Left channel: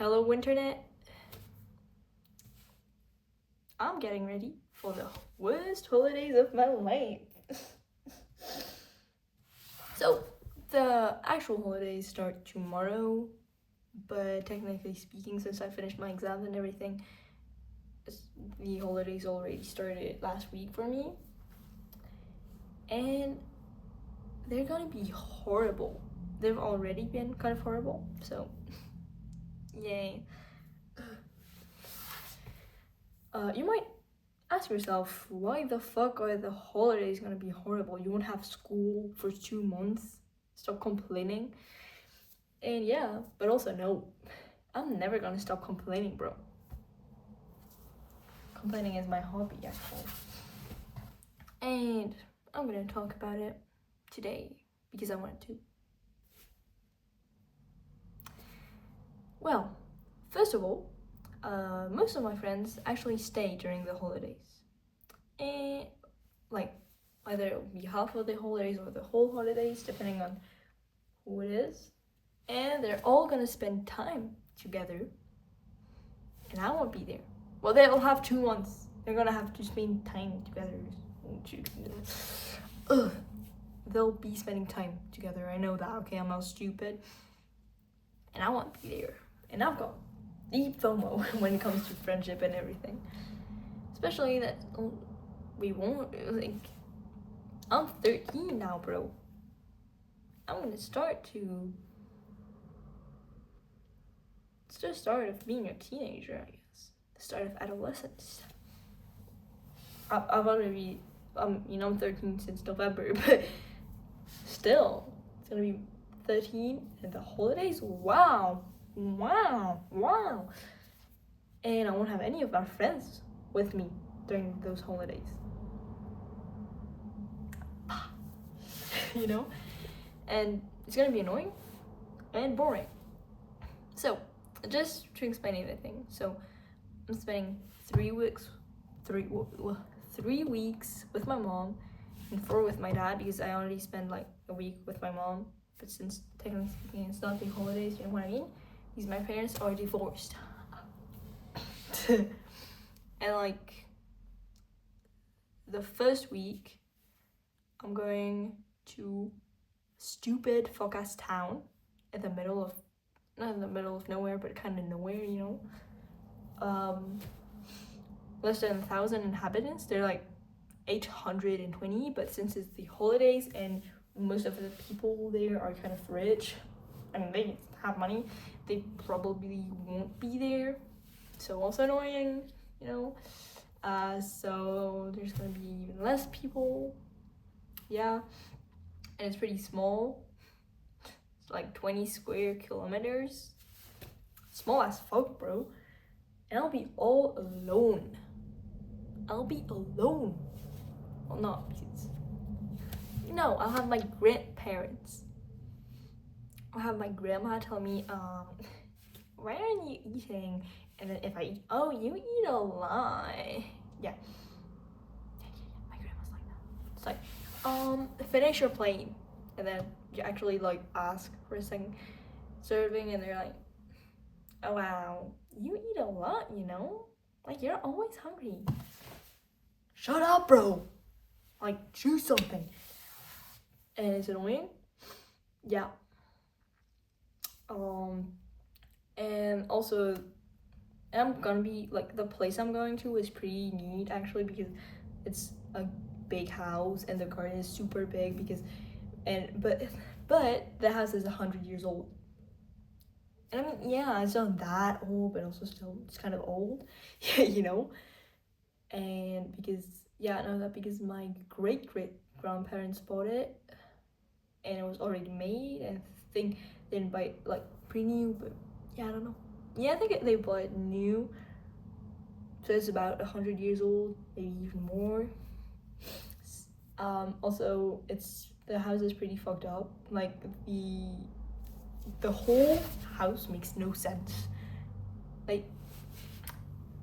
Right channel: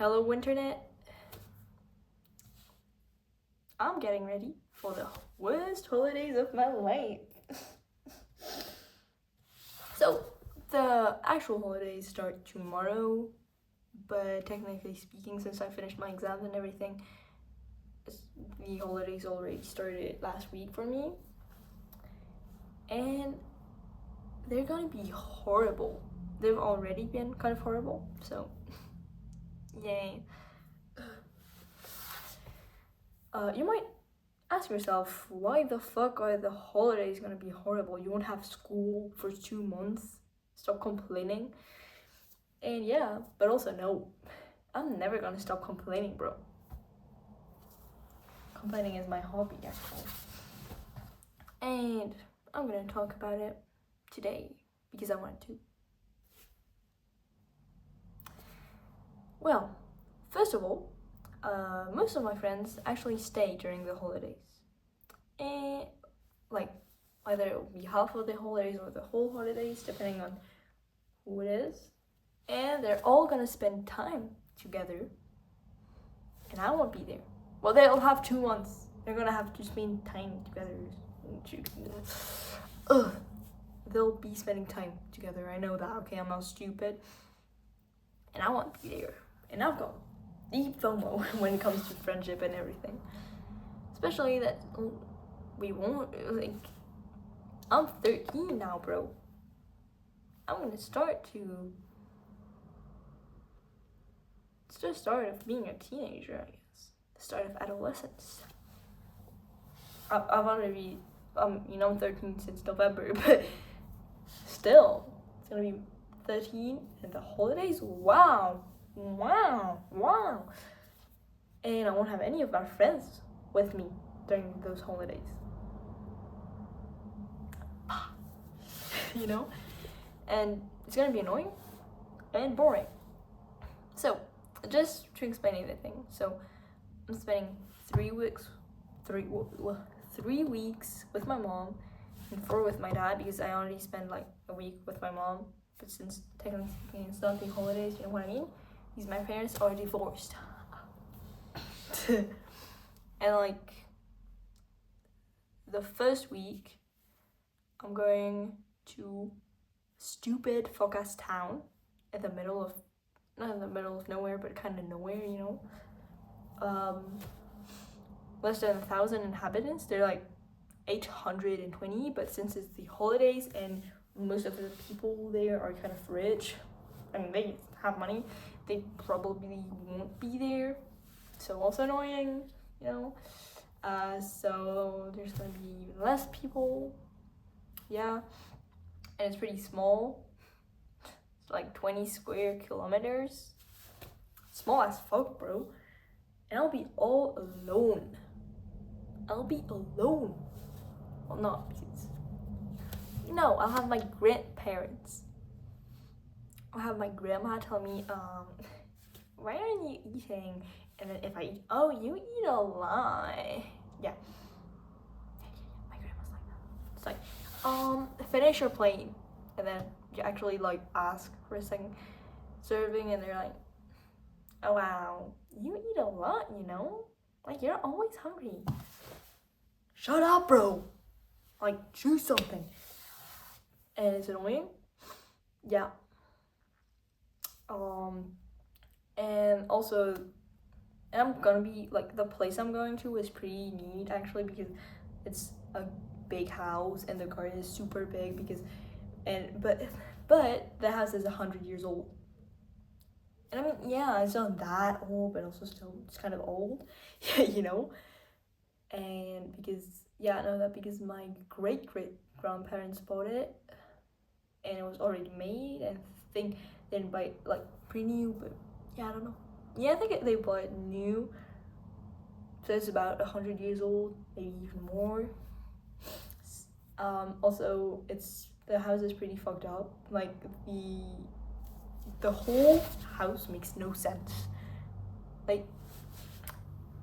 Hello internet. I'm getting ready for the worst holidays of my life. So the actual holidays start tomorrow, but technically speaking, since I finished my exams and everything, the holidays already started last week for me, and they're gonna be horrible. They've already been kind of horrible, so yay. You might ask yourself, why the fuck are the holidays gonna be horrible? You won't have school for 2 months. Stop complaining. And yeah, but also no, I'm never gonna stop complaining, bro. Complaining is my hobby, actually. And I'm gonna talk about it today because I wanted to. Well, first of all, most of my friends actually stay during the holidays. And like, either it will be half of the holidays or the whole holidays, depending on who it is. And they're all gonna spend time together. And I won't be there. Well, they'll have 2 months. They're gonna have to spend time together. Ugh. They'll be spending time together. I know that, okay? I'm not stupid. And I won't be there. And I've got deep FOMO when it comes to friendship and everything. Especially that we won't, like, I'm 13 now, bro. I'm gonna start to, it's the start of being a teenager, I guess. The start of adolescence. I've already, I'm 13 since November, but still, it's gonna be 13 and the holidays, wow. And I won't have any of my friends with me during those holidays. You know? And it's gonna be annoying and boring. So, just to explain everything. So, I'm spending 3 weeks with my mom and 4 with my dad, because I already spent like a week with my mom. But since technically speaking it's not the holidays, you know what I mean? Because my parents are divorced. And like, the first week I'm going to stupid fuck ass town in the middle of, not in the middle of nowhere, but kind of nowhere, you know. Less than 1,000 inhabitants. They're like 820, but since it's the holidays and most of the people there are kind of rich, I mean, they have money, they probably won't be there, so also annoying, you know. So there's gonna be even less people, yeah, and it's pretty small. It's like 20 square kilometers, small as fuck, bro. And I'll be all alone. Well, not because, no, I'll have my grandparents. I'll have my grandma tell me, why aren't you eating? And then if I eat, oh, you eat a lot. Yeah. My grandma's like that. It's like, finish your plate. And then you actually like ask for a second serving, and they're like, oh wow, you eat a lot, you know? Like, you're always hungry. Shut up, bro. Like, choose something. And it's annoying. Yeah. And also, I'm gonna be like, the place I'm going to is pretty neat actually, because it's a big house and the garden is super big, because but the house is 100 years old. And I mean, yeah, it's not that old, but also still it's kind of old. You know. And because, yeah, I know that because my great grandparents bought it and it was already made, and I think they didn't buy it like pretty new, but yeah, I don't know. Yeah, I think they bought it new, so it's about 100 years old, maybe even more. Also, the house is pretty fucked up. Like, the whole house makes no sense. Like,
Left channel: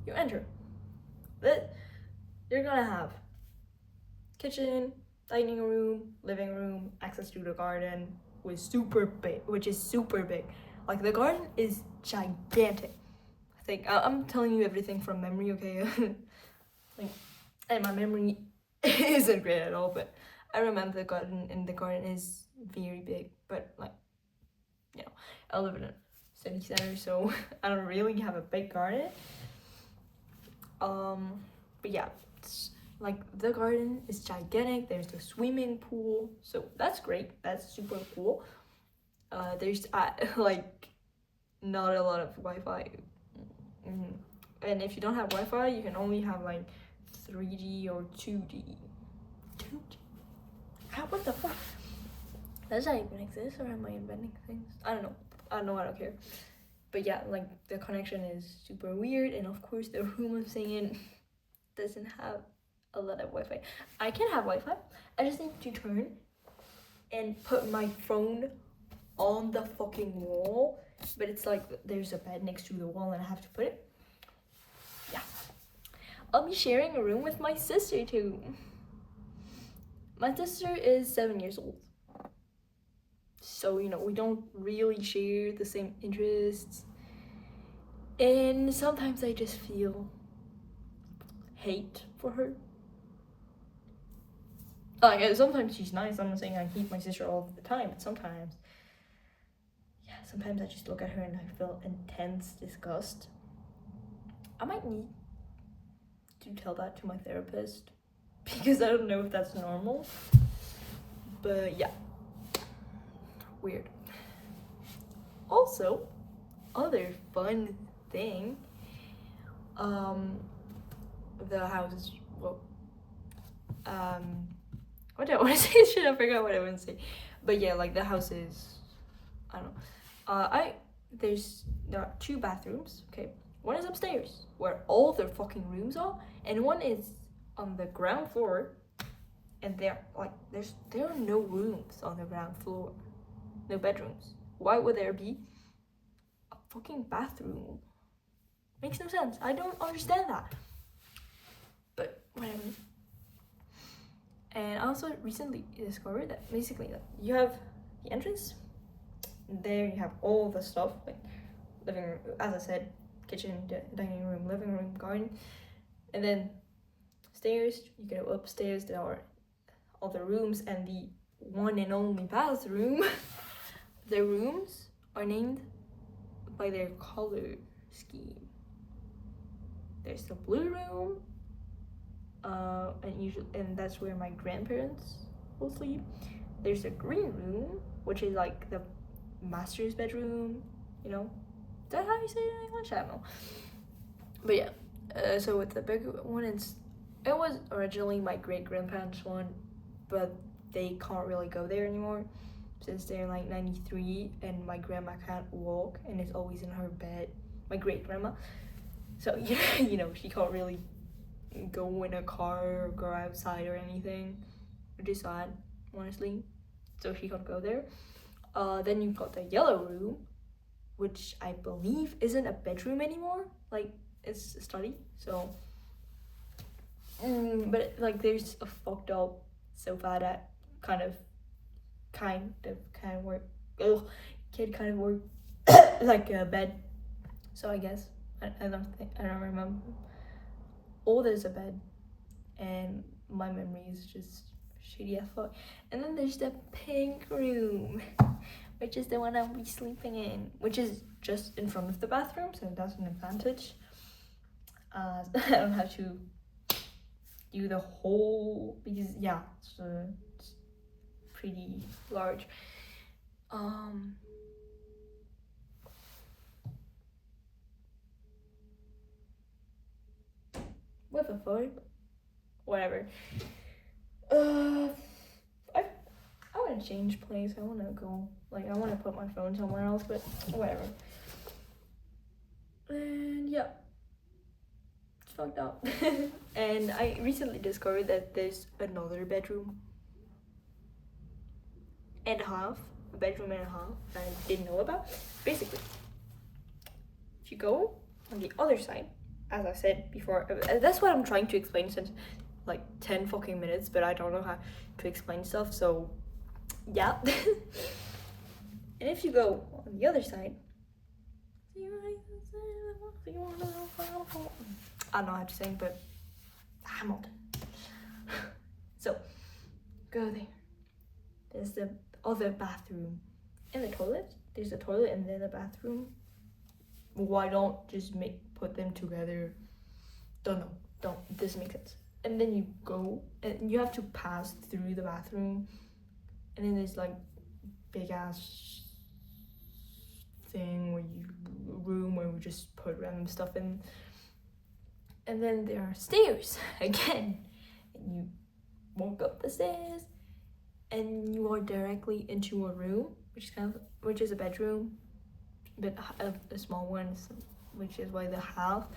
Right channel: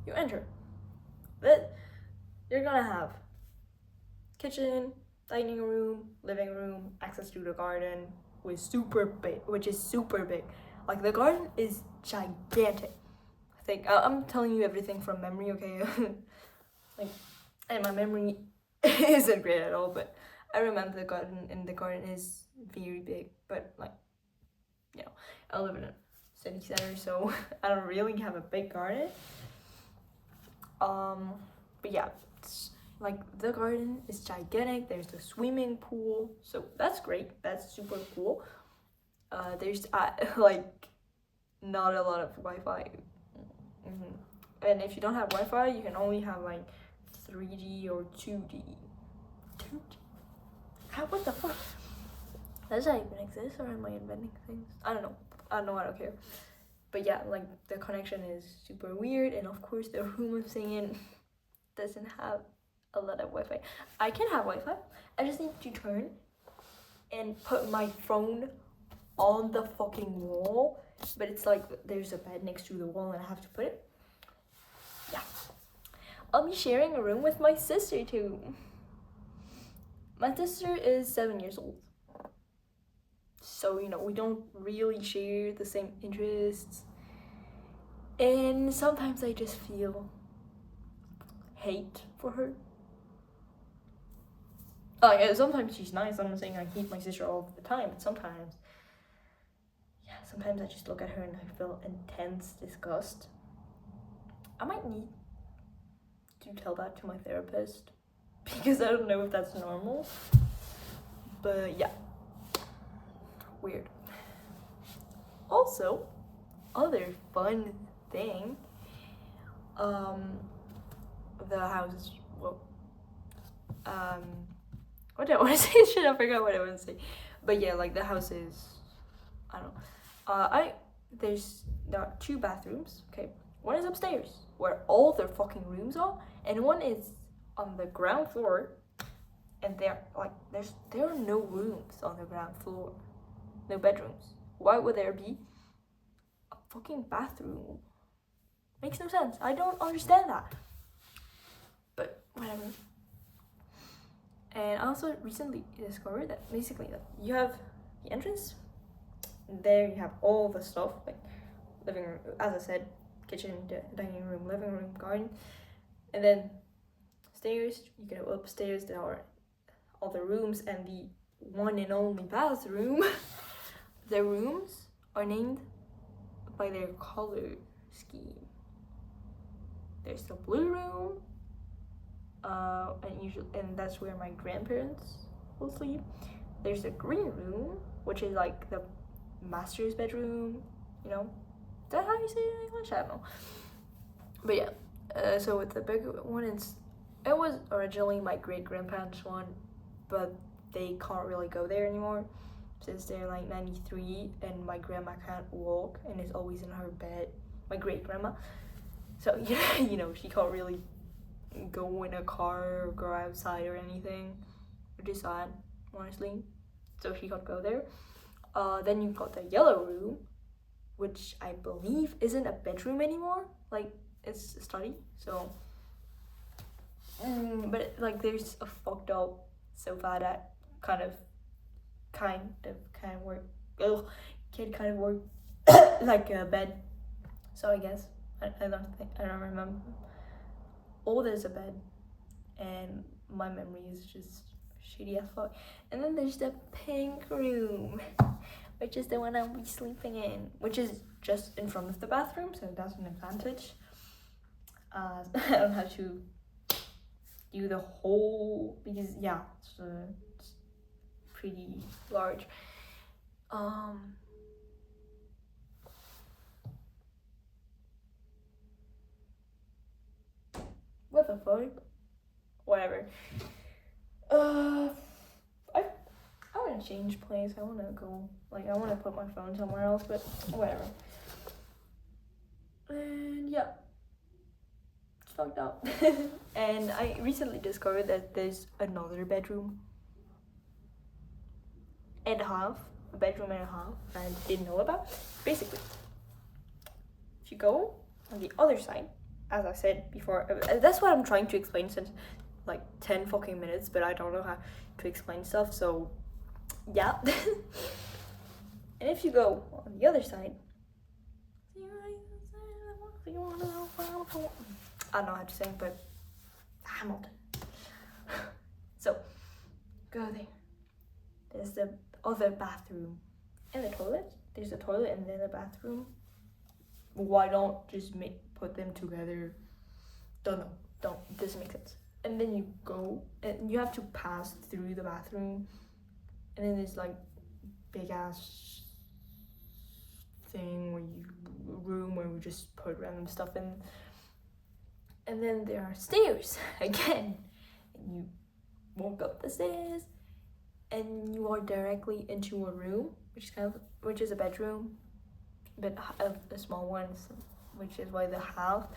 you enter, but you're gonna have kitchen, dining room, living room, access to the garden, which is super big. Like, the garden is gigantic. I think I'm telling you everything from memory, okay? Like, and my memory isn't great at all, but I remember the garden, and the garden is very big. But like, you know, I live in a city center, so I don't really have a big garden. But yeah, it's, like, the garden is gigantic. There's the swimming pool, so that's great. That's super cool. There's like not a lot of Wi-Fi, and if you don't have Wi-Fi, you can only have like 3G or 2G. 2G? What the fuck? Does that even exist, or am I inventing things? I don't know. I don't care. But yeah, like, the connection is super weird, and of course the room I'm staying in doesn't have a lot of Wi-Fi. I can have Wi-Fi. I just need to turn and put my phone on the fucking wall, but it's like there's a bed next to the wall and I have to put it. Yeah. I'll be sharing a room with my sister too. My sister is 7 years old. So, you know, we don't really share the same interests. And sometimes I just feel hate for her. Like, sometimes she's nice. I'm not saying I hate my sister all the time, but sometimes I just look at her and I feel intense disgust. I might need to tell that to my therapist, because I don't know if that's normal. But yeah, weird. Also, other fun thing, the house is, well, what did I want to say? Shit, I forgot what I want to say. But yeah, like, the house is, I don't know. There are 2 bathrooms, okay? One is upstairs, where all their fucking rooms are, and one is on the ground floor, and there are no rooms on the ground floor, no bedrooms. Why would there be a fucking bathroom? Makes no sense. I don't understand that. But whatever. And I also recently discovered that basically, like, you have the entrance. There you have all the stuff, like living room, as I said, kitchen, dining room, living room, garden, and then stairs. You go upstairs. There are all the rooms and the one and only bathroom. The rooms are named by their color scheme. There's the blue room, and that's where my grandparents will sleep. There's the green room, which is like the master's bedroom, you know. Is that how you say it in English? I don't know. But yeah, so with the big one, it was originally my great-grandparents' one, but they can't really go there anymore since they're like 93 and my grandma can't walk and is always in her bed, my great-grandma. So yeah, you know, she can't really go in a car or go outside or anything, which is sad, honestly. So she can't go there. Then you've got the yellow room, which I believe isn't a bedroom anymore. Like, it's a study. So, but like, there's a fucked up sofa that kind of work. Can kind of work like a bed. So I guess I don't remember. Oh, there's a bed, and my memory is just shitty as fuck. And then there's the pink room, which is the one I'll be sleeping in, which is just in front of the bathroom, so that's an advantage. I don't have to do the whole, because yeah, it's pretty large. What the fuck? Whatever. I want to change place. I want to go, like, I want to put my phone somewhere else, but whatever. And yeah, it's fucked up. And I recently discovered that there's another bedroom and a half, a bedroom and a half, I didn't know about. Basically, if you go on the other side, as I said before, that's what I'm trying to explain since like 10 fucking minutes, but I don't know how to explain stuff, so yeah. And if you go on the other side, Do you want to know Hamilton? I don't know how to sing, but Hamilton. So, go there. There's the other bathroom and the toilet. There's the toilet and then the bathroom. Why don't just put them together? Don't know. Doesn't make sense. And then you go and you have to pass through the bathroom, and then there's like big ass thing where we just put random stuff in. And then there are stairs again, and you walk up the stairs, and you are directly into a room, which is a bedroom, but a small one, which is why the half.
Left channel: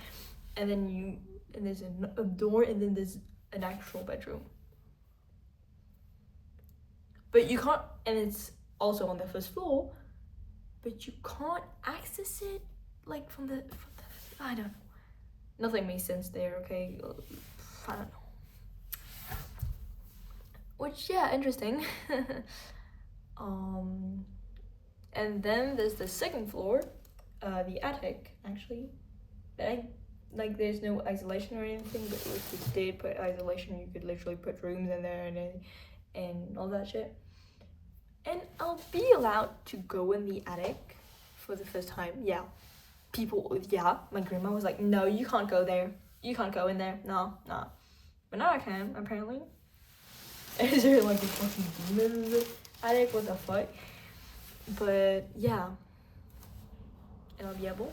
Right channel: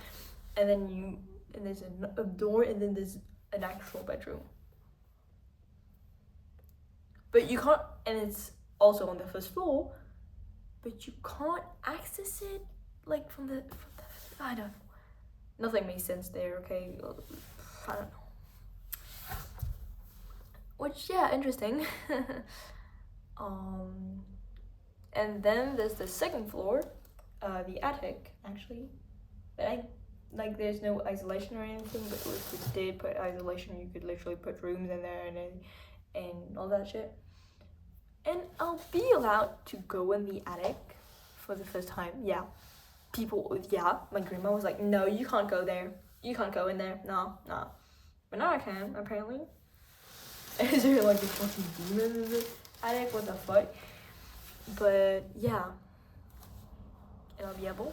And then there's a door, and then there's an actual bedroom. But you can't, and it's also on the first floor, but you can't access it like from the I don't know. Nothing makes sense there, okay? I don't know. Which, yeah, interesting. And then there's the second floor, the attic, actually. There's no isolation or anything, but if you did put isolation, you could literally put rooms in there and all that shit. And I'll be allowed to go in the attic for the first time. Yeah. My grandma was like, no, you can't go there. You can't go in there. No. But now I can, apparently. Is there like a fucking demon in the attic? What the fuck? But yeah. And I'll be able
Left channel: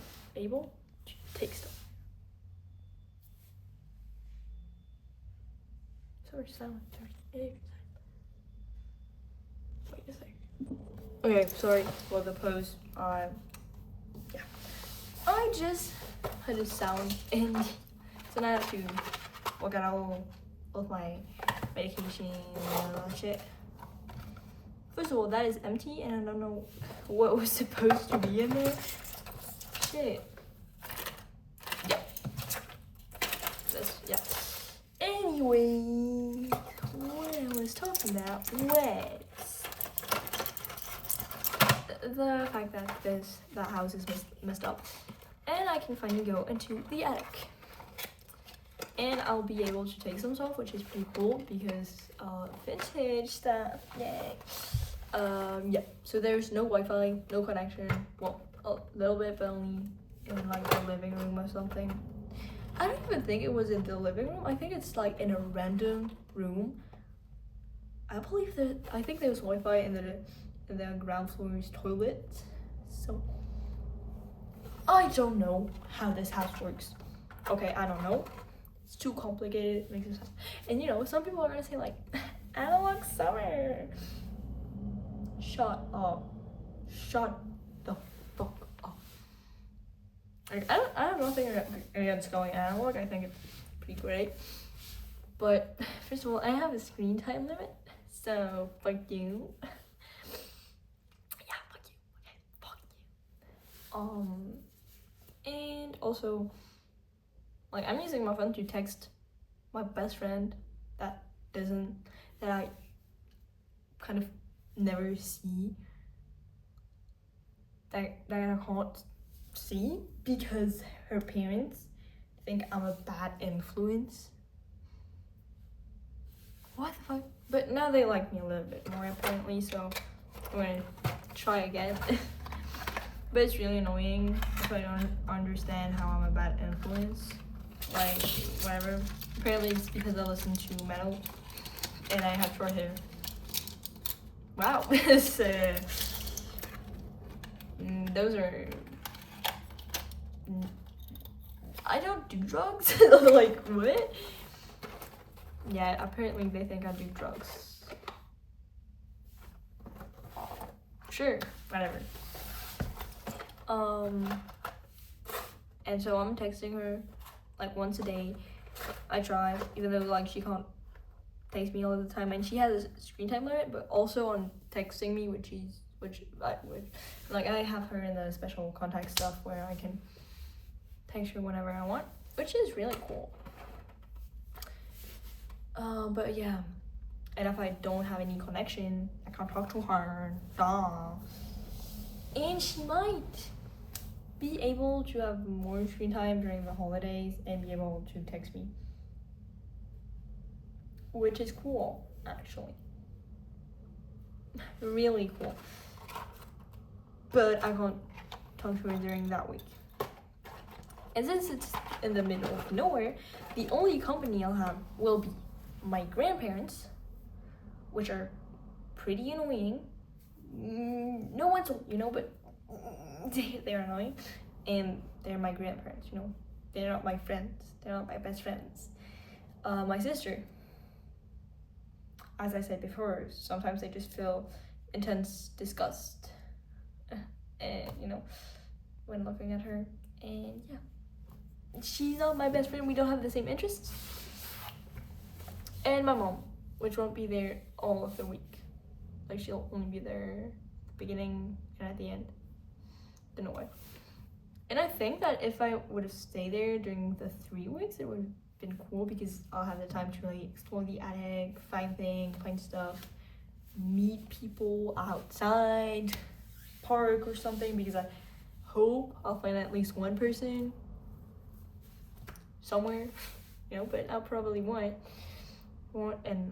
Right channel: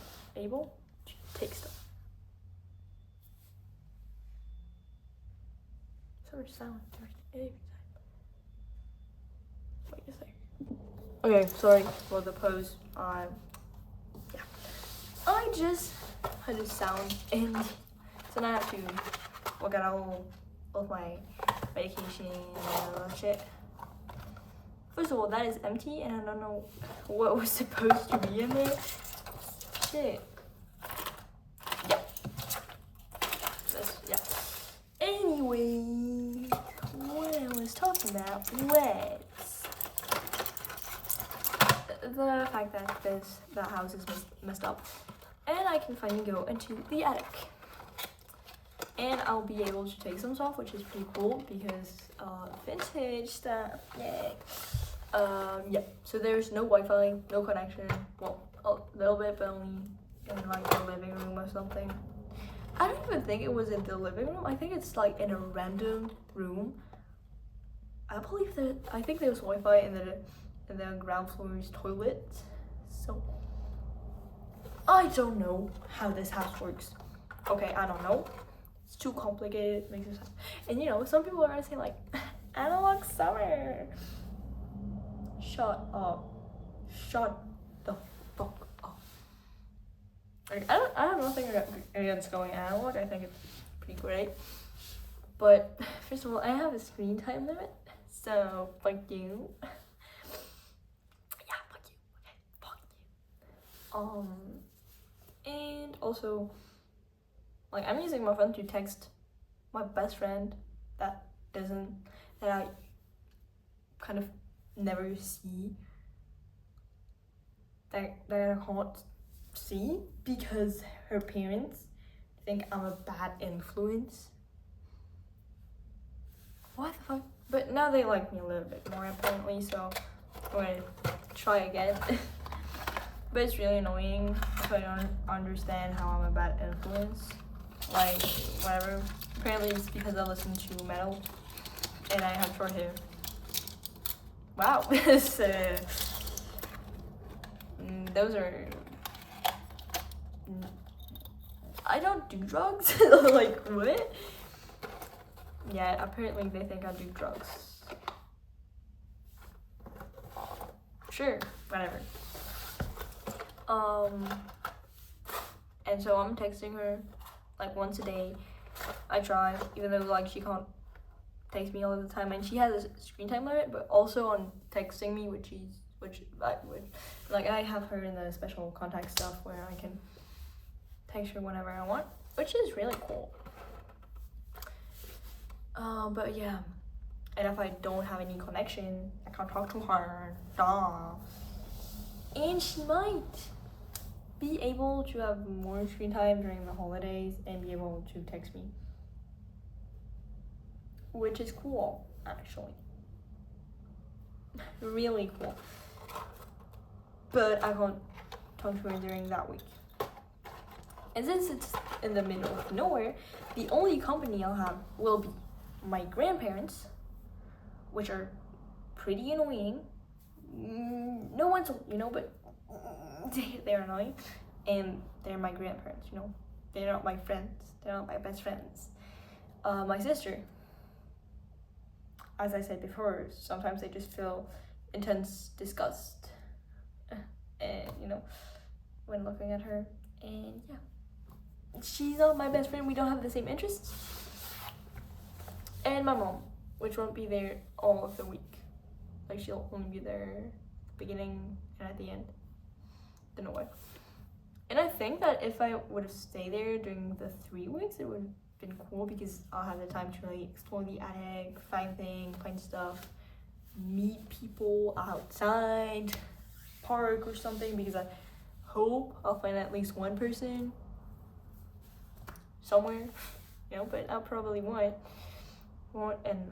to take stuff. So much silence. Wait a second. Okay, sorry for the pause. Yeah. I just heard a sound, and so now I have to work out all of my medication and all that shit. First of all, that is empty, and I don't know what was supposed to be in there. Shit. Yeah. Anyway, what I was talking about was the fact that that house is messed up, and I can finally go into the attic, and I'll be able to take some stuff, which is pretty cool because vintage stuff. Yay. Yeah. So there's no Wi-Fi, no connection. Well, a little bit, but only in like the living room or something. I don't even think it was in the living room. I think it's like in a random room. I think there's Wi-Fi in the ground floor's toilet. So I don't know how this house works. Okay, I don't know. It's too complicated. It makes no sense. And you know, some people are gonna say like, analog summer. Shut up. Shut the fuck up. Like, I have nothing against going analog. I think it's pretty great. But first of all, I have a screen time limit. So fuck you. Yeah, fuck you. Okay, fuck you. And also, like, I'm using my phone to text my best friend that I kind of never see, that I can't see because her parents think I'm a bad influence. What the fuck? But now they like me a little bit more apparently, so I'm gonna try again. But it's really annoying if I don't understand how I'm a bad influence. Like, whatever. Apparently it's because I listen to metal and I have short hair. Wow. Those are... I don't do drugs? Like, what? Yeah, apparently they think I do drugs. Sure, whatever. And so I'm texting her like once a day. I try, even though like she can't text me all of the time, and she has a screen time limit, but also on texting me, which I have her in the special contact stuff where I can text her whenever I want, which is really cool. But yeah, and if I don't have any connection, I can't talk to her. Duh. And she might be able to have more screen time during the holidays and be able to text me, which is cool, actually. Really cool. But I can't talk to her during that week. And since it's in the middle of nowhere, the only company I'll have will be my grandparents, which are pretty annoying. No one's, but they're annoying. And they're my grandparents, They're not my friends. They're not my best friends. My sister, as I said before, sometimes I just feel intense disgust, and when looking at her, and yeah, she's not my best friend. We don't have the same interests. And my mom, which won't be there all of the week. Like, she'll only be there at the beginning and at the end. Don't know why. And I think that if I would have stayed there during the 3 weeks, it would have been cool because I'll have the time to really explore the attic, find things, find stuff, meet people outside, park or something, because I hope I'll find at least one person somewhere, but I probably won't, and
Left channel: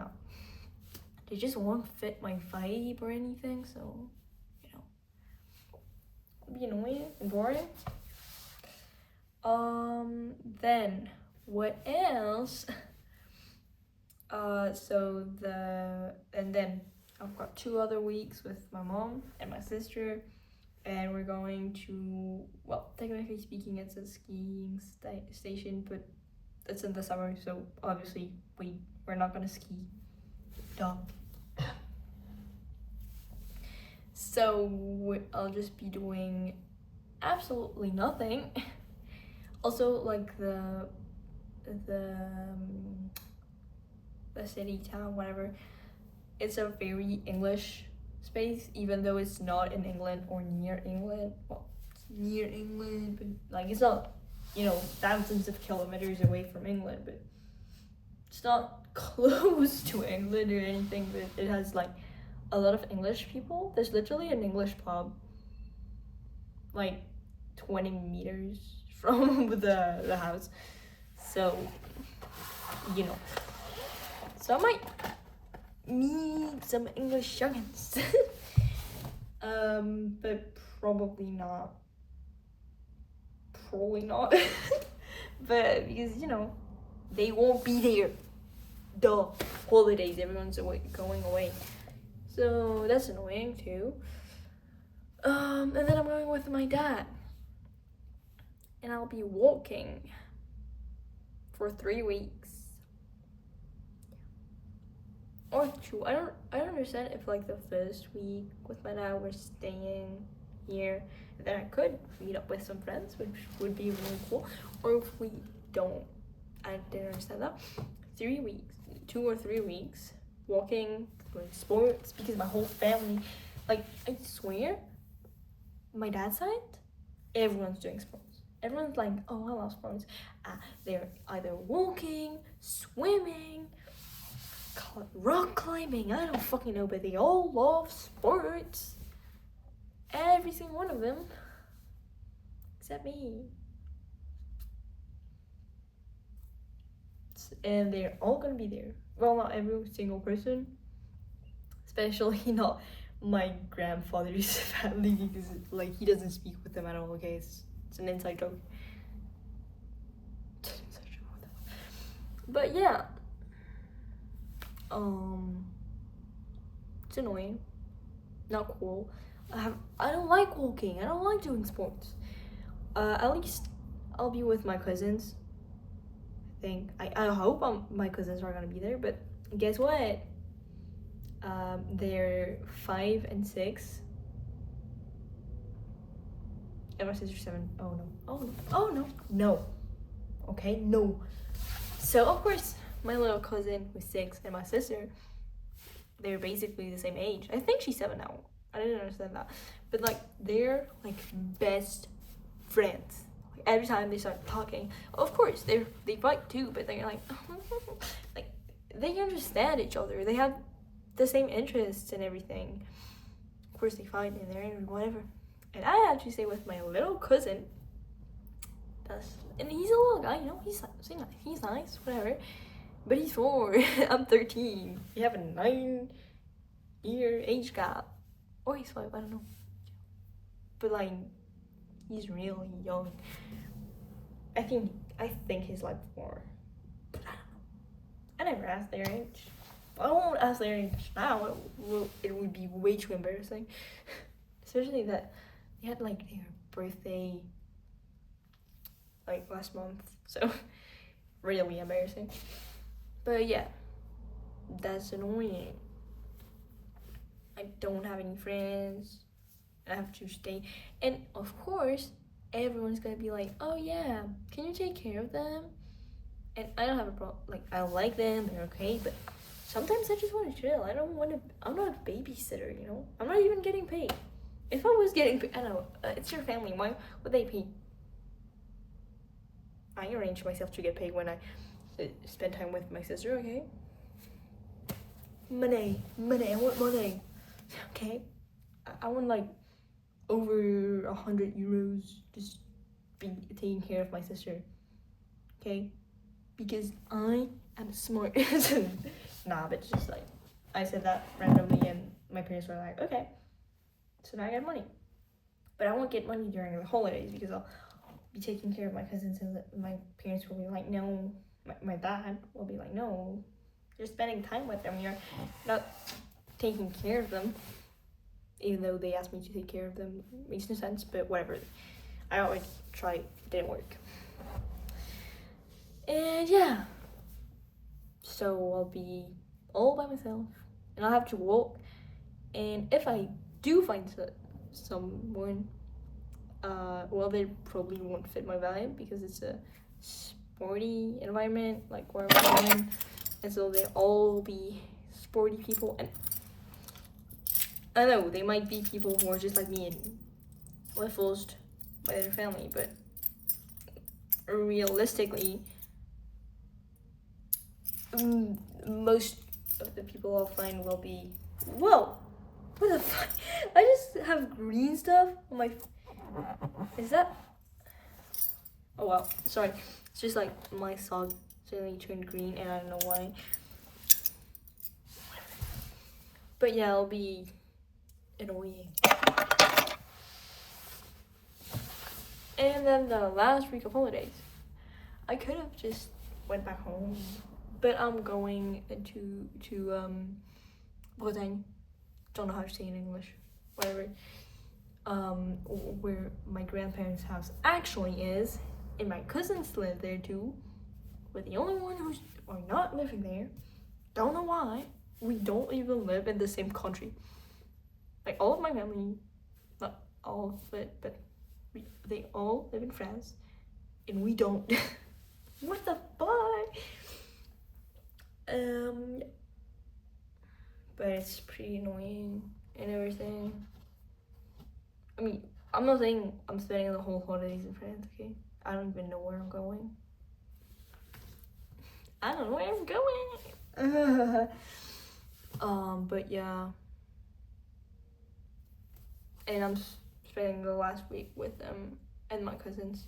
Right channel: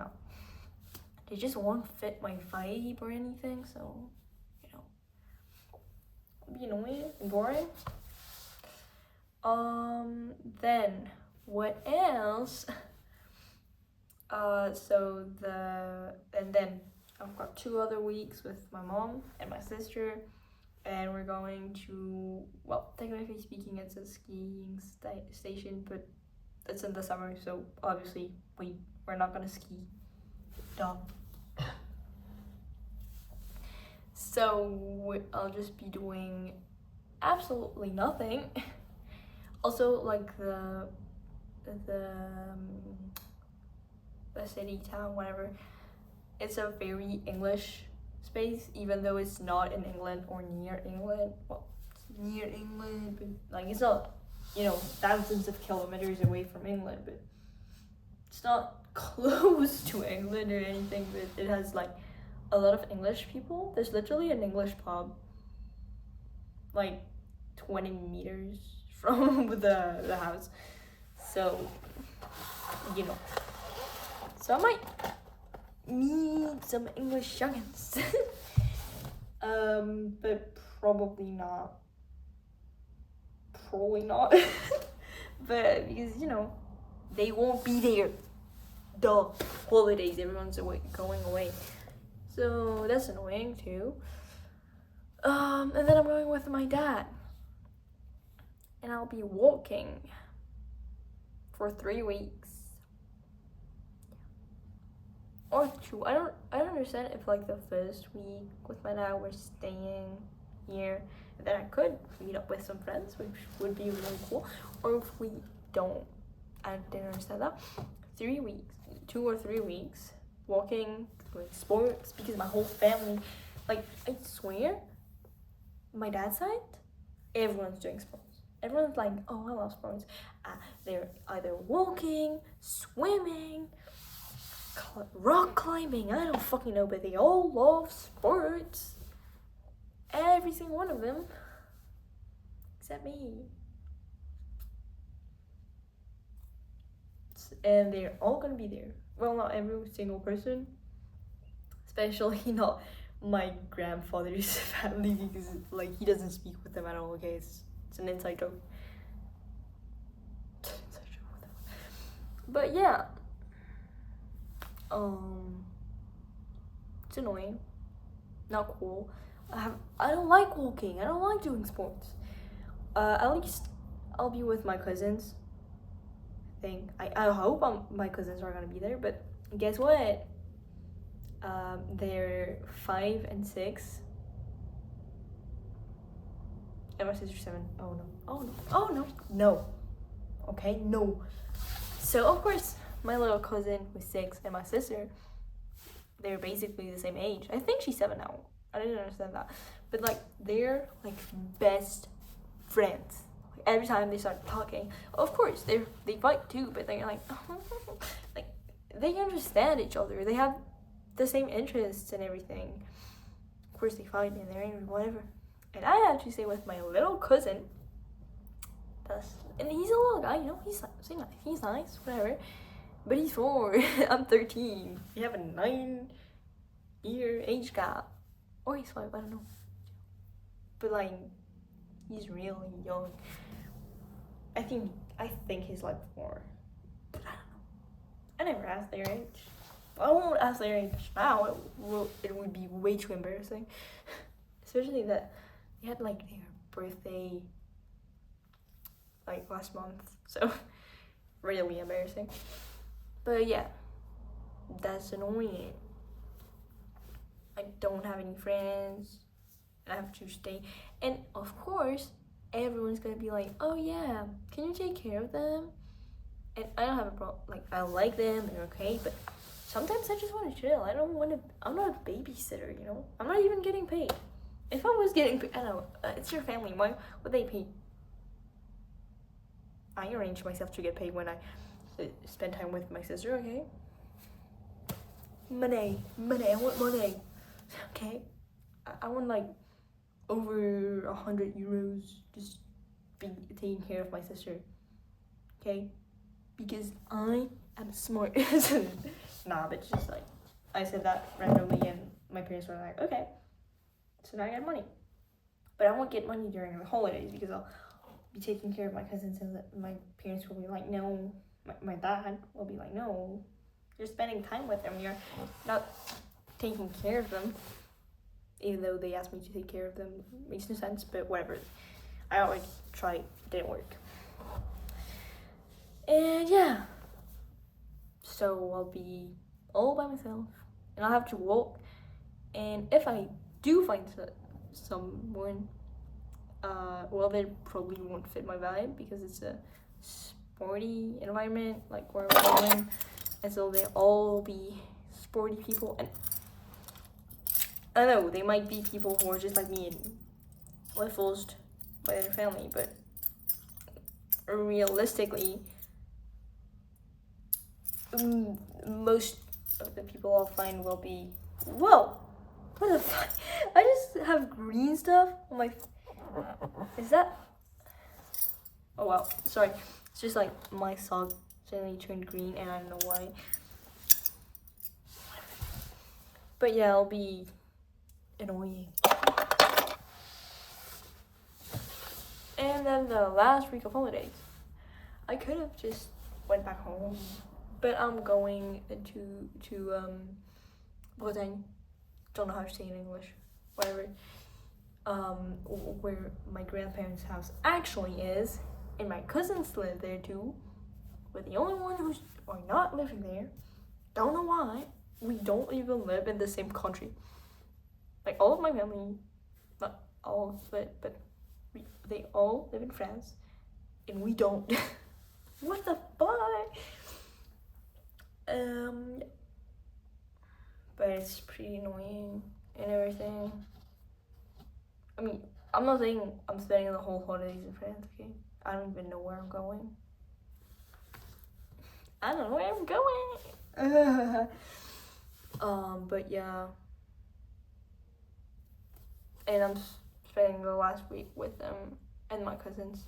they just won't fit my vibe or anything, so, it'll be annoying and boring. Then, what else? And then I've got 2 other weeks with my mom and my sister, and we're going to, well, technically speaking, it's a skiing station, but it's in the summer, so obviously we're not gonna ski. Duh. So I'll just be doing absolutely nothing. Also, like the city, town, whatever, it's a very English space, even though it's not in England or near England. Well, it's near England, but like it's not, thousands of kilometers away from England, but it's not close to England or anything. But it has like a lot of English people. There's literally an English pub like 20 meters from the house, so so I might meet some English youngins. But probably not. But because they won't be there. The holidays, everyone's going away, so that's annoying too. And then I'm going with my dad, and I'll be walking for 3 weeks. Or 2. I don't understand if like the first week with my dad we're staying here, and then I could meet up with some friends, which would be really cool. Or if we don't, I didn't understand that. 3 weeks, 2 or 3 weeks walking, doing sports, because my whole family, like, I swear, my dad's side, everyone's doing sports. Everyone's like, oh, I love sports. They're either walking, swimming, rock climbing, I don't fucking know, but they all love sports. Every single one of them, except me. And they're all gonna be there. Well, not every single person, especially not my grandfather's family, because like he doesn't speak with them at all. Okay, it's an inside joke. But yeah, it's annoying, not cool. I don't like walking. I don't like doing sports. At least I'll be with my cousins. I hope my cousins are gonna be there, but guess what? They're 5 and 6, and my sister's 7. Oh no. Okay, no. So of course, my little cousin who's 6 and my sister, they're basically the same age. I think she's 7 now. I didn't understand that, but like they're like best friends. Every time they start talking, of course they fight too, but they're like like they understand each other. They have the same interests and everything. Of course they fight and they're angry, whatever. And I actually stay with my little cousin. And he's a little guy, you know, he's nice, whatever. But he's 4, I'm 13. We have a 9-year age gap. Or he's 5, I don't know. But like, he's really young. I think he's like 4. But I don't know. I never asked their age. I won't ask their age now. It would be way too embarrassing. Especially that they had like their birthday like last month. So really embarrassing. But yeah, that's annoying. I don't have any friends. I have to stay. And of course, everyone's gonna be like, oh yeah, can you take care of them? And I don't have a problem. Like, I like them, they're okay, but sometimes I just want to chill. I'm not a babysitter, you know? I'm not even getting paid. If I was getting paid, I don't know, it's your family. Why would they pay? I arrange myself to get paid when I spend time with my sister, okay? Money, I want money, okay? I want like over 100 euros just be taking care of my sister, okay? Because I am smart. Nah, but just like, I said that randomly and my parents were like, okay, so now I got money. But I won't get money during the holidays because I'll be taking care of my cousins and my parents will be like, no, my dad will be like, no, you're spending time with them, you're not taking care of them. Even though they asked me to take care of them, makes no sense, but whatever. I always tried, it didn't work. And yeah, so I'll be all by myself and I'll have to walk. And if I do find someone, well, they probably won't fit my vibe because it's a sporty environment, like where I'm going, and so they all be sporty people. And I know they might be people who are just like me and influenced by their family, but realistically, most of the people I'll find will be, whoa, what the fuck? I just have green stuff on my, is that, oh wow, sorry, it's just like my sock suddenly turned green and I don't know why. But yeah, I'll be annoying. And then the last week of holidays, I could have just went back home, but I'm going to Bretagne. Don't know how to say it in English, whatever. Where my grandparents' house actually is, and my cousins live there too. But the only one who's not living there, don't know why. We don't even live in the same country. Like all of my family, not all of it, but they all live in France, and we don't. What the fuck? But it's pretty annoying and everything. I mean, I'm not saying I'm spending the whole holidays in France, okay? I don't even know where I'm going. I don't know where I'm going. But yeah. And I'm spending the last week with them and my cousins.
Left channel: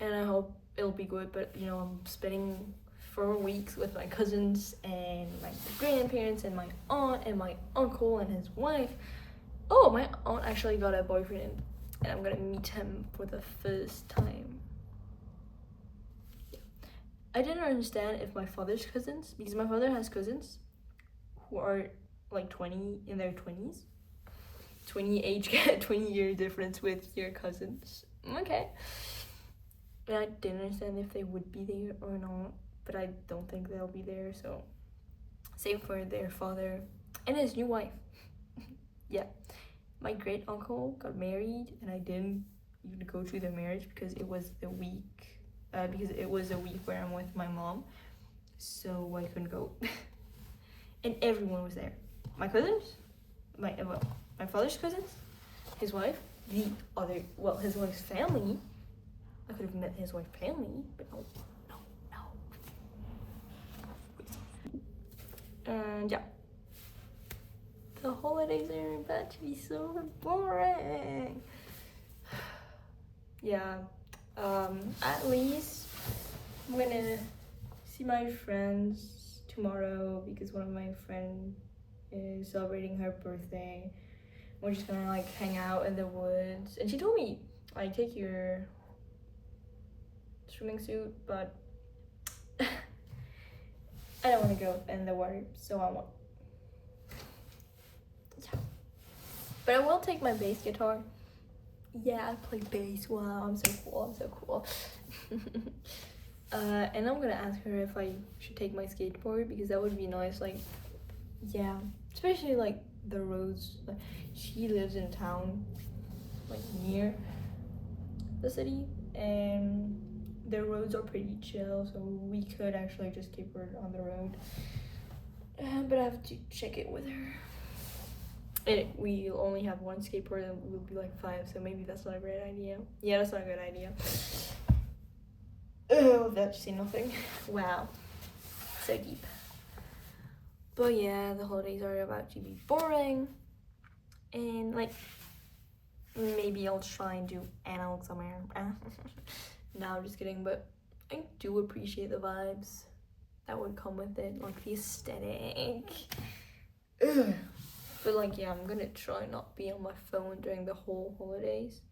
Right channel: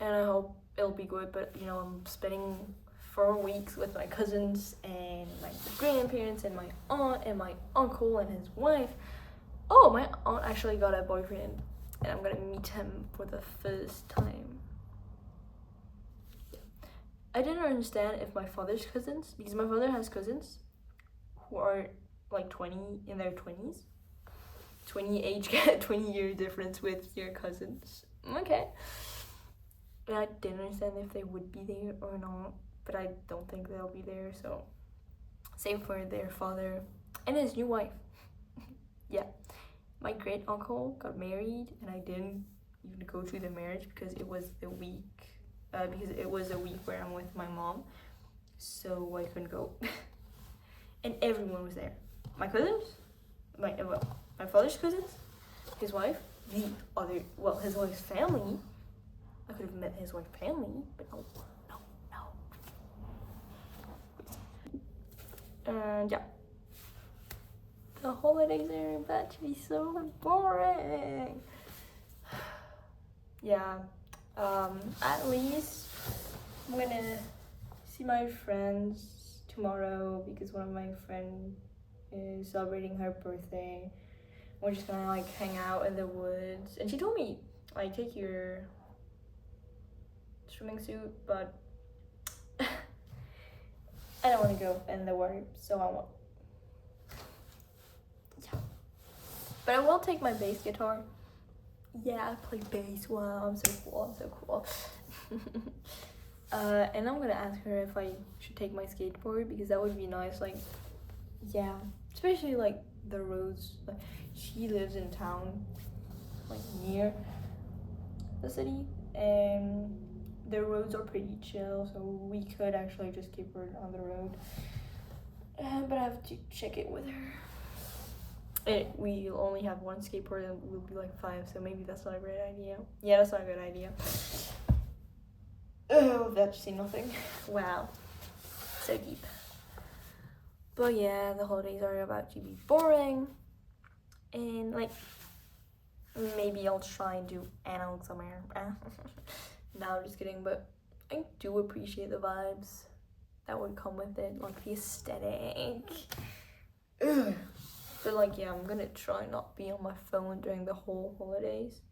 And I hope it'll be good, but you know, I'm spending 4 weeks with my cousins and my grandparents and my aunt and my uncle and his wife. Oh, my aunt actually got a boyfriend and I'm gonna meet him for the first time. Yeah. I didn't understand if my father's cousins, because my father has cousins who are like 20, in their 20s. 20-year difference with your cousins. Okay. And I didn't understand if they would be there or not, but I don't think they'll be there, so same for their father and his new wife. Yeah, my great uncle got married and I didn't even go to the marriage because it was a week where I'm with my mom, so I couldn't go. And everyone was there, my cousins, my father's cousins, his wife, his wife's family. I could have met his wife's family, but no. And yeah, The holidays are about to be so boring. Yeah, at least I'm gonna see my friends tomorrow because one of my friends is celebrating her birthday. We're just gonna like hang out in the woods, and she told me like take your swimming suit, but I don't want to go in the water, so I won't. Yeah, but I will take my bass guitar. Yeah, I play bass. Wow, I'm so cool. I'm so cool. And I'm gonna ask her if I should take my skateboard because that would be nice. Like, yeah, especially like the roads. Like, she lives in town, like near the city, and the roads are pretty chill, so we could actually just skateboard on the road. But I have to check it with her. We only have one skateboard and we'll be like 5, so maybe that's not a great idea. Yeah, that's not a good idea. Oh, that just ain't nothing. Wow, so deep. But yeah, the holidays are about to be boring, and like maybe I'll try and do analog somewhere. No, I'm just kidding, but I do appreciate the vibes that would come with it, like the aesthetic. Ugh. But like, yeah, I'm gonna try not be on my phone during the whole holidays.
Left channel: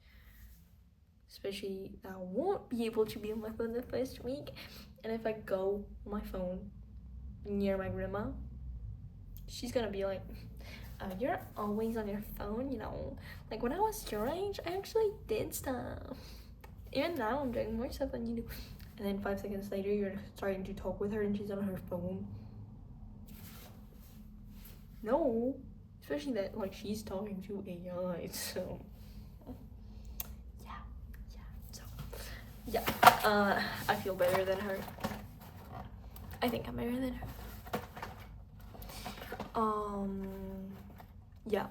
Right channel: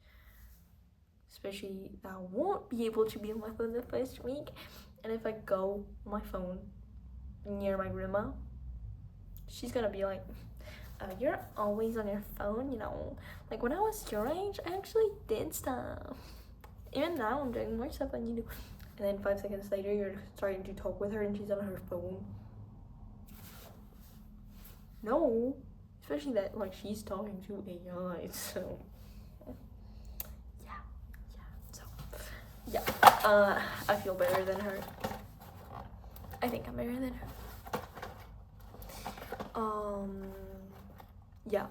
Especially, I won't be able to be on my phone the first week. And if I go on my phone near my grandma, she's gonna be like, you're always on your phone, you know. Like, when I was your age, I actually did stuff. Even now, I'm doing more stuff than you do. And then 5 seconds later, you're starting to talk with her and she's on her phone. No. Especially that, like, she's talking to AI, so... Yeah, I feel better than her. I think I'm better than her. Yeah.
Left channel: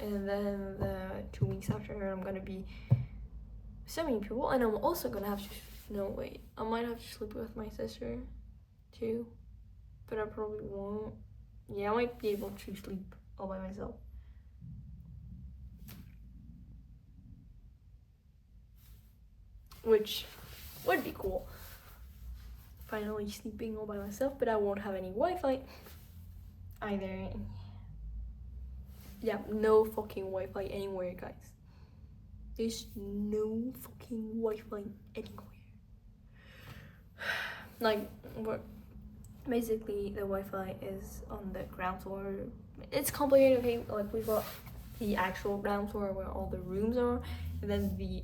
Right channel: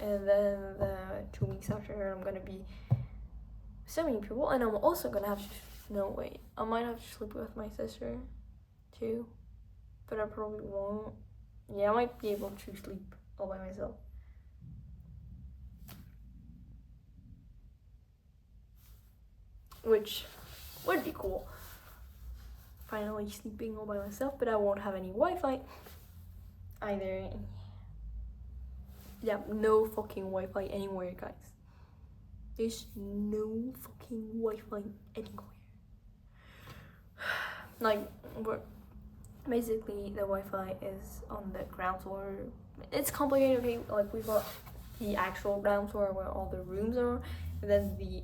And then the 2 weeks after her, I'm gonna be so many people, and I'm also gonna have to, no wait, I might have to sleep with my sister too, but I probably won't. Yeah, I might be able to sleep all by myself. Which would be cool. Finally sleeping all by myself, but I won't have any Wi-Fi either. Yeah, no fucking Wi-Fi anywhere, guys. There's no fucking Wi-Fi anywhere. Like, basically the Wi-Fi is on the ground floor. It's complicated, okay? Like, we've got the actual ground floor where all the rooms are, and then the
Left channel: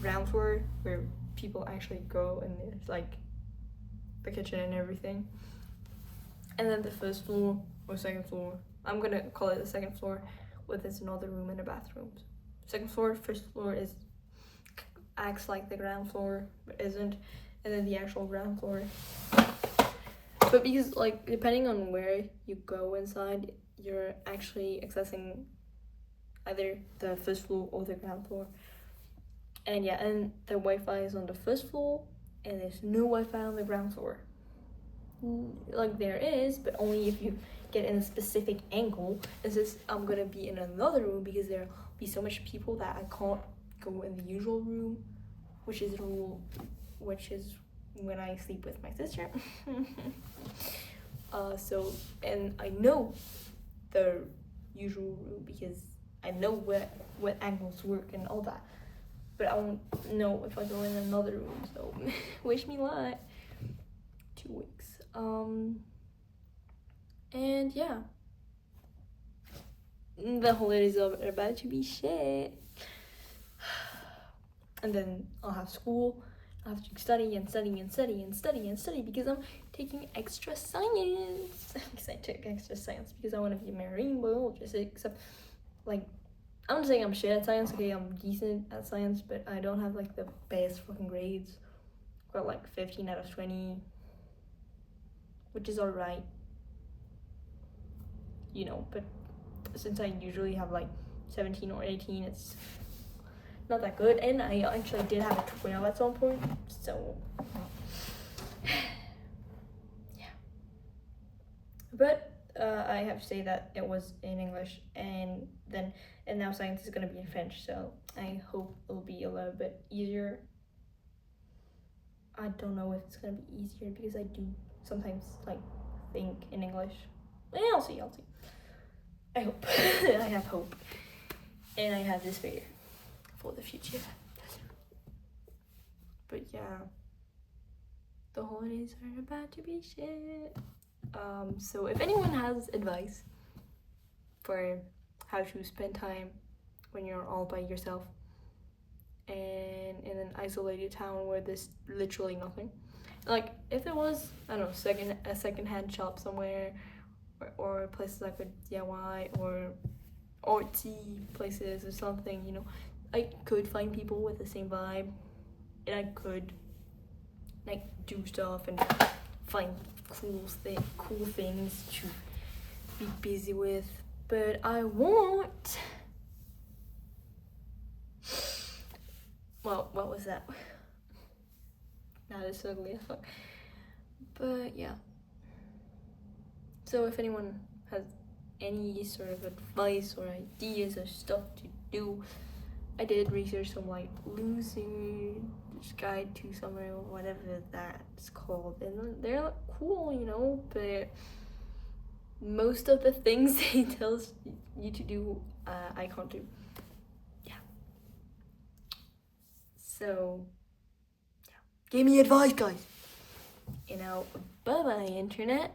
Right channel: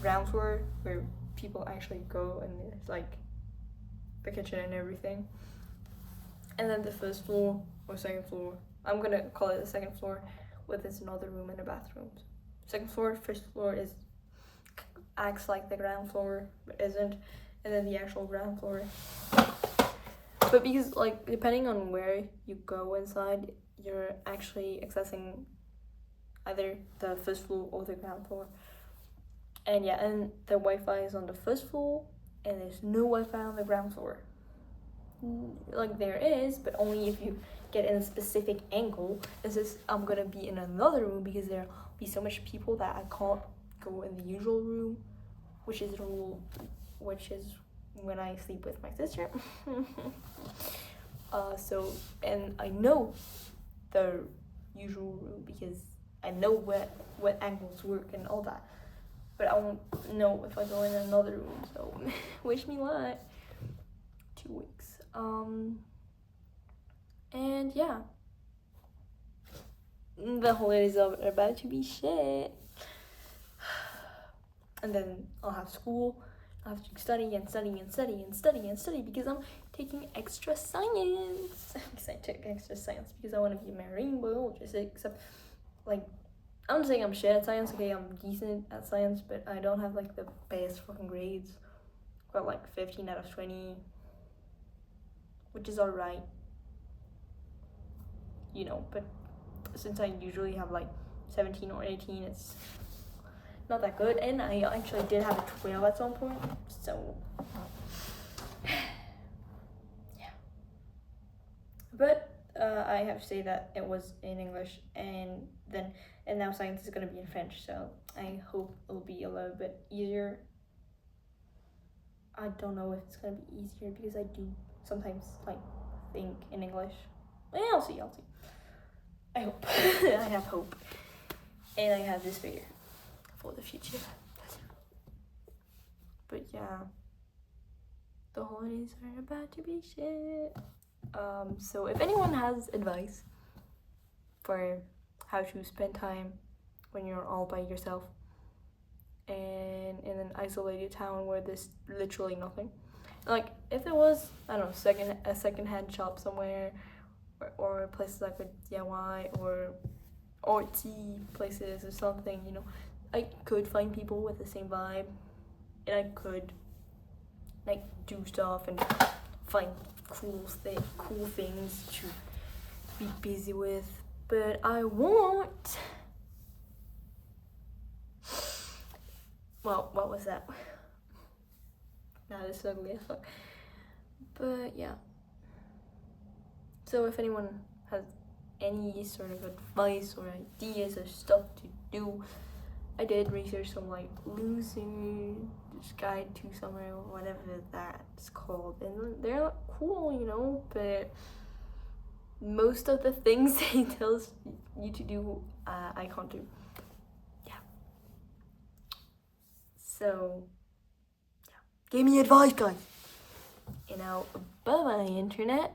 ground floor where people actually go, and there's like the kitchen and everything. And then the first floor or second floor, I'm gonna call it the second floor, with its another room and a bathroom. Second floor, first floor acts like the ground floor but isn't, and then the actual ground floor. But because, like, depending on where you go inside, you're actually accessing either the first floor or the ground floor. And yeah, and the Wi-Fi is on the first floor, and there's no Wi-Fi on the ground floor. Like, there is, but only if you get in a specific angle. And since I'm gonna be in another room because there'll be so much people that I can't go in the usual room, which is when I sleep with my sister. So, and I know the usual room because I know what angles work and all that, but I won't know if I go in another room, so wish me luck. 2 weeks. And yeah, the holidays are about to be shit, and then I'll have school. I have to study and study and study and study and study because I'm taking extra science. Because I took extra science because I want to be a marine biologist. Except, like, I'm not saying I'm shit at science. Okay, I'm decent at science, but I don't have like the best fucking grades. Got like 15 out of 20, which is alright, you know. But since I usually have like 17 or 18, it's not that good. And I actually did have a 12 at some point, so yeah. But I have to say that it was in English, and now science is gonna be in French. So I hope it'll be a little bit easier. I don't know if it's gonna be easier because I do sometimes like think in English. I'll see. I hope. I have hope, and I have this fear for the future. But yeah, the holidays are about to be shit. So if anyone has advice for how to spend time when you're all by yourself and in an isolated town where there's literally nothing, like if there was, I don't know, a secondhand shop somewhere, or places I could DIY, or artsy places or something, you know, I could find people with the same vibe, and I could like do stuff and find cool things to be busy with. But I won't. Well, what was that? Not as ugly as fuck. But yeah. So if anyone has any sort of advice or ideas of stuff to do, I did research some like Loser's Guide to Summer or whatever that's called, and they're cool, you know, but most of the things he tells you to do, I can't do. Yeah. So, yeah. Give me advice, guys. You know, bye-bye, internet.